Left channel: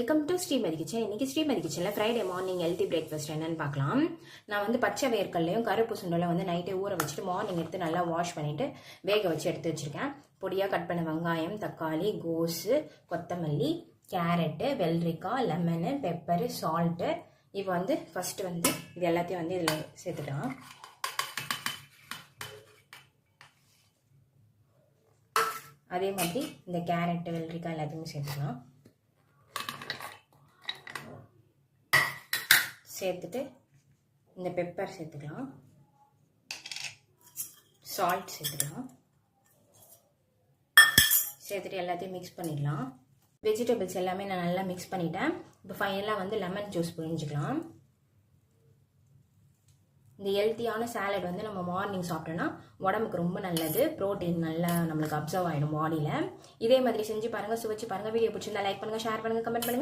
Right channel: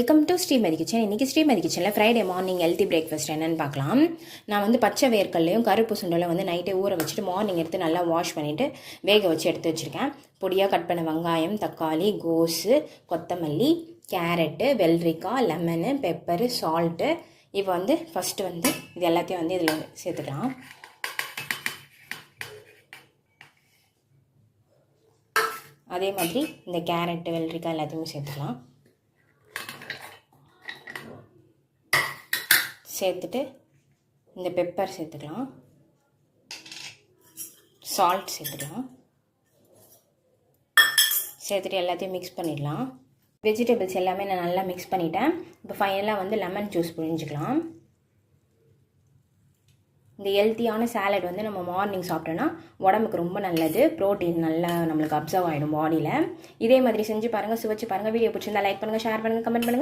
Welcome to Srimathi kitchen. இன்றைக்கி ஸ்ரீமதி கிச்சனில் Friday morning healthy breakfast என்னென்னு பார்க்கலாம். நான் வந்து பச்சை வேர்க்கல்லையும் கருப்பு சுண்டலும் வந்து நைட்டே ஊற வச்சுட்டு மார்னிங் எடுத்து நல்லா வாஷ் பண்ணிவிட்டு வேக வச்சு எடுத்து வச்சுருக்கேன். பொடியாக கட் பண்ண வெங்காயம், தக்காளி, கோஸு, கொத்தமல்லி, கேரட்டு, வெள்ளரிக்காய், லெமனு, பெப்பரு, சால்ட்டு. இப்போ வந்து ஃபஸ்ட்டு வந்து இது எல்லாத்தையும் வந்து இதில் சேர்த்துக்கலாம். அதே மாதிரி இந்த கேரட்டு, வெள்ளரிக்காய் எல்லாத்தையுமே சேர்த்துக்கலாம். சேர்த்துட்டு இந்த பெப்பர் சேர்த்துக்கலாம், சால்ட் சேர்த்துக்கலாம். சேர்த்துட்டு எல்லாத்தையும் மிக்ஸ் பண்ணிடலாம். வெஜிடபிள்ஸ் எல்லாமே நான் நல்லா மிக்ஸ் பண்ணிட்டேன். இப்போ ஃபைனலாக வந்து லெமன் ஜூஸ் புழிஞ்சிக்கலாம். இந்த ஹெல்த்தியான சாலட் வந்து நம்ம மார்னிங் சாப்பிட்டோன்னா உடம்புக்கு ரொம்ப நல்லது. ப்ரோட்டீன் நல்லா நம்மளுக்கு அப்சர்வ் ஆகிடும் பாடியில். இதே மாதிரி செஞ்சு பாருங்கள், சுவைச்சு பாருங்கள். வீடியோ பிடிச்சிருந்தா லைக் பண்ணுங்கள், ஷேர் பண்ணுங்கள், கமெண்ட் பண்ணுங்கள்.